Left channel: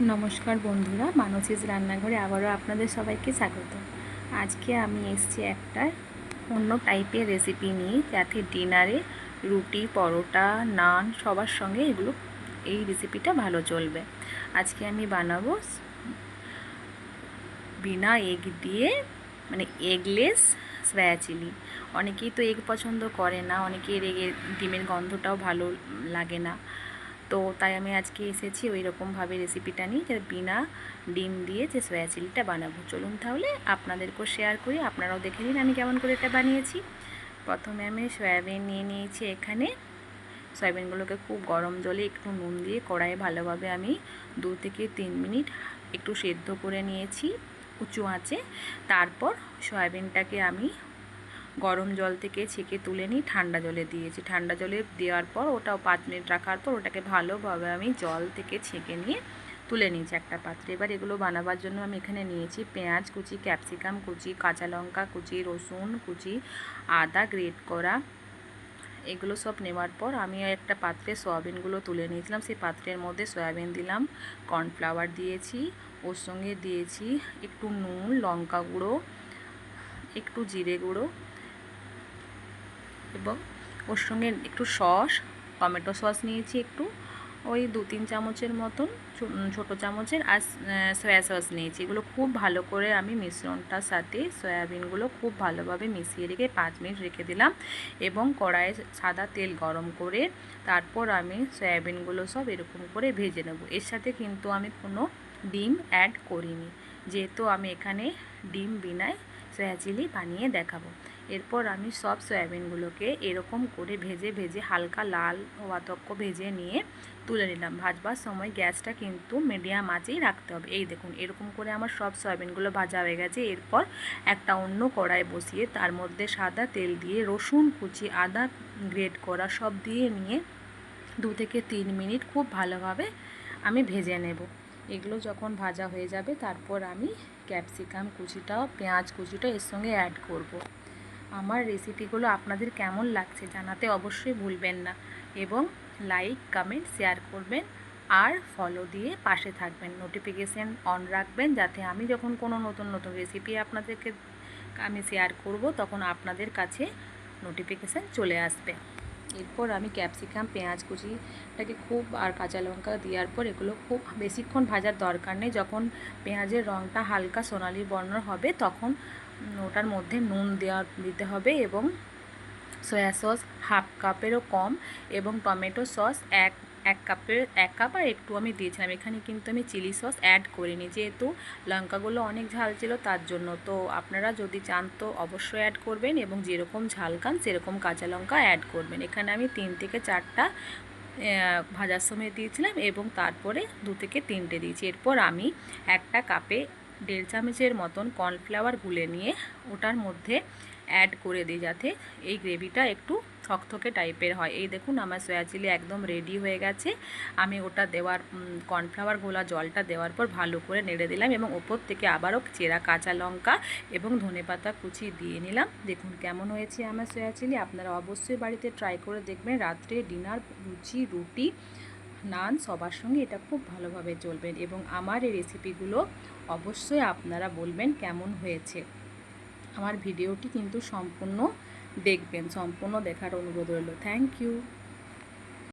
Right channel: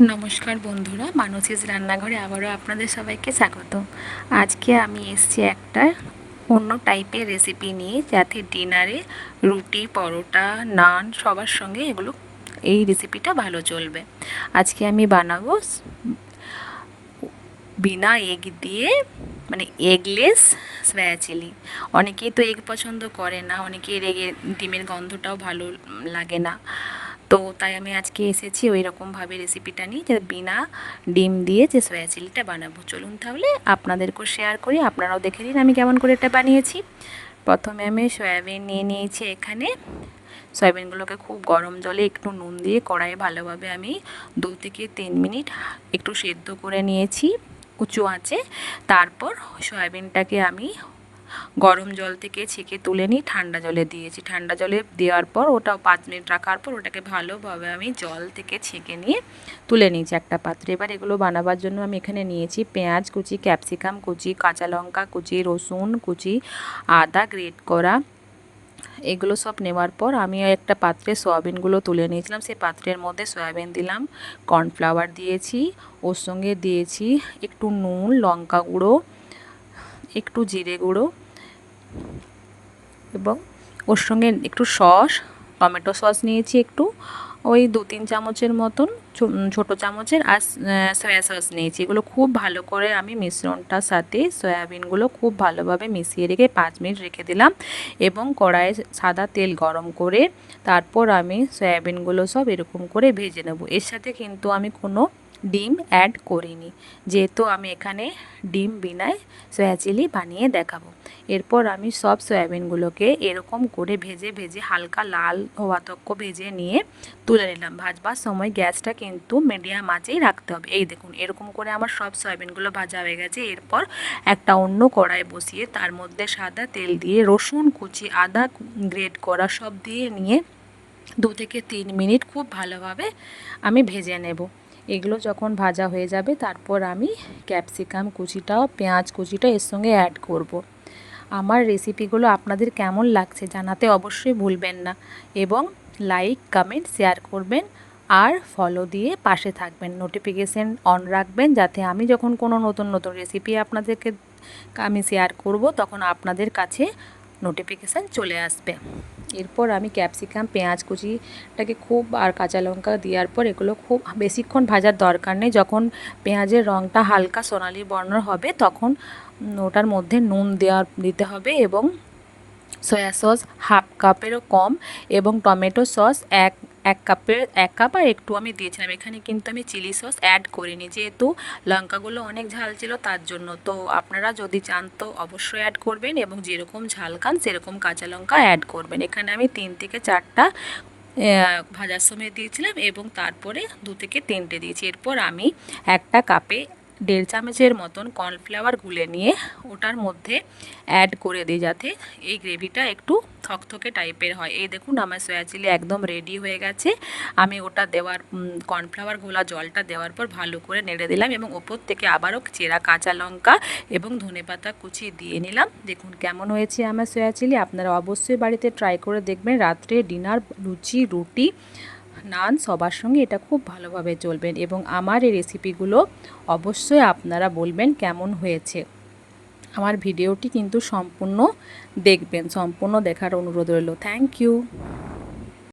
নমস্কার বন্ধুরা, মানসীজ রান্নাঘরে আবারও আপনাদের সবাইকে স্বাগত। আজকে আমি এসেছি একটা অন্য টাইপের রেসিপি নিয়ে, যাতে ডিনারে রুটি, পরোটা, নান সবার সঙ্গে এই রেসিপিটা ভালো চলবে। আজকে আমি বানাবো বিনা এগ দিয়ে, মানে এগলেস সয়া চিলি। অনেকেই তো এগ পছন্দ করে না, অনেকের ডিমের গন্ধটাও ভালো লাগে না। তো তাই আমি আজকে এসেছি ওই রকমভাবে রেসিপিটা নিয়ে, যে বিনা ডিম দিয়ে যে সয়া চিলিটা বানাবো। চলুন তাহলে আপনাদেরকেও শেয়ার করি, আপনারাও দেখে নিন আমি কেমন করে এটা বানিয়েছি। প্রথমে আমি সয়াবিন নিয়ে নিয়েছি। এখানে সয়াবিনগুলোকে খুব গরম জলে একটু নুন দিয়ে কড়াইয়ে ভালোভাবে আমি 2 থেকে 3 মিনিট একটু সেদ্ধ করে নিয়েছি উঁচু আঁচে। তারপর সয়াবিনটাকে আমি গরম জল থেকে ছেঁকে তুলে নিই, ঠান্ডা জলে দিয়েছি। ঠান্ডা জলে দেওয়ার পর ওটাও 5 মিনিট রাখার পর ওটাকে ভালোভাবে আমি জল থেকে ছেঁকে নিয়ে তুলে নিয়েছি একটা পাত্রে। এবার এগুলো বানাবার জন্য আমি এখানে নিয়েছি পেঁয়াজ কুচি, ক্যাপসিকাম কুচি, কাঁচা লঙ্কা কুচি, রসুন কুচি, আদা গ্রেট করা। এগুলো সব নেওয়ার পর আমি একটা পাত্রে সয়াবিনগুলো তুলে নিয়েছিলাম। সেই পাত্রের মধ্যে সয়াবিন দিলাম, কর্নফ্লাওয়ার দিয়েছি, ওর সঙ্গে দিয়েছি একটু নুন, লঙ্কা গুঁড়ো, একটু জিরে গুঁড়ো এবং ওর সঙ্গে একটু সস, টমেটো সস নিয়েছি একটু, ওই 2-3 চামচের মতন ছোটো চামচের, আর সয়া সস নিয়েছি। এগুলো খুব ভালো করে আমি মিশ্রণটার সাথে সয়াবিনগুলো খুব ভালোভাবে মিশিয়ে রেখে 5 মিনিট রেখে দিলাম এবং কড়াইয়ে সাদা তেল গরম করে তারপর আমি সয়াবিনগুলো সব এরকম করে ভেজে নেব। এর সাথে কিন্তু আমি কোনো ডিম অ্যাড করিনি, যেহেতু আমি এখানে ডিম বিনায় সয়া চিলি বানিয়ে দেখাবো। এরপর আমি সব সয়াবিনগুলোকে এরকম করে ভেজে ভেজে হালকা লাল হওয়া তক্ক ভেজে নিয়ে তুলে নিলাম। ভাজবার সময় গ্যাসটা কিন্তু মিডিয়াম আঁচেই রাখতে হবে। এই দেখুন, এরকম করে আমার সব সয়াবিনগুলো ভাজা হয়ে গেছে। এরপর একটা অন্য কড়াই বসিয়ে তার মধ্যে সাদা তেল দিয়ে রসুন কুচি, আদা গ্রেট করা সব দিয়ে নিয়ে 2 থেকে 3 মিনিট খুব ভালোভাবে আমি ভেজে নেব। এগুলো যখন ভাজা হয়ে যাবে তারপর আমি ক্যাপসিকাম কুচিটাও, পেঁয়াজ কুচিটা এর সঙ্গে অ্যাড করব। আমার রেসিপিগুলো আপনাদের কেমন লাগছে জানাতে অবশ্যই ভুলবেন না, এবং লাইক, কমেন্ট, শেয়ার করবেন আর ফলো দিয়ে পাশে থাকবেন। নোটিফিকেশান অন রাখবেন, যাতে আমি যখন কোনো নতুন নতুন রেসিপি আপনাদেরকে আমি শেয়ার করব তখন আপনাদের কাছে নোটিফিকেশান চলে আসবে। এরপর আমি ক্যাপসিকাম, পেঁয়াজ কুচিটাকে খুব, আর কাঁচা লঙ্কা দেওয়ার পর এগুলো খুব বেশিক্ষণ ভাজার দরকার নেই। যখন পেঁয়াজের রঙটা হালকা সোনালি বর্ণের হবে তখন ওটার মধ্যে নুন দিতে হবে, এবং সয়া সস 1/2 কাপেরও কম, এবং টমেটো সস এক কাপ আর একটু আমি দিয়েছিলাম। এখানে কিন্তু আমি চিলি সস অ্যাড করিনি, যেহেতু লঙ্কাগুলো অনেক ঝাল ছিল তার জন্য। তো আপনারা যদি চান তো অবশ্যই অ্যাড করবেন, এবং যেরকম ঝাল খান সেরকম কাঁচা লঙ্কা অ্যাড করবেন। এখানে আমি 3 থেকে 4টা ভাজার সময় দিয়েছিলাম, এবং তারপরে 2 থেকে 3টে দিয়েছি। এরপর আমি একটা কাপে 1.5 চামচের মতন কর্নফ্লাওয়ার গুলে নিয়ে ওটার মধ্যে অ্যাড করে দিই, যাতে এই গ্রেভিটা একটু থকথকে টাইপের হয়। এই দেখুন, আমার সয়া চিলি একদম রেডি হয়ে গেছে। আমি ওটা দেওয়ার কর্নফ্লাওয়ার গোলা জলটা দেওয়ার পর ভালো করে নেড়ে দিলাম, এবং ওপর থেকে আবারও চেরা কাঁচা লঙ্কা এবং ধনেপাতা কুচি দিয়ে নিলাম। দেখুন কেমন হয়েছে আমার সয়া চিলি। আপনারা অবশ্যই বাড়িতে ট্রাই করে দেখবেন। রাত্রে ডিনার, লুচি, রুটি, নান সবার সঙ্গে এটা খুব ভালোভাবে চলবেন, এবং আমার এই রেসিপিগুলো অবশ্যই আপনারা বলবেন কেমন হয়েছে। আমার ভিডিওটি কিন্তু সম্পূর্ণ দেখবেন, সম্পূর্ণ দেখার অনুরোধ রইল। Thank you.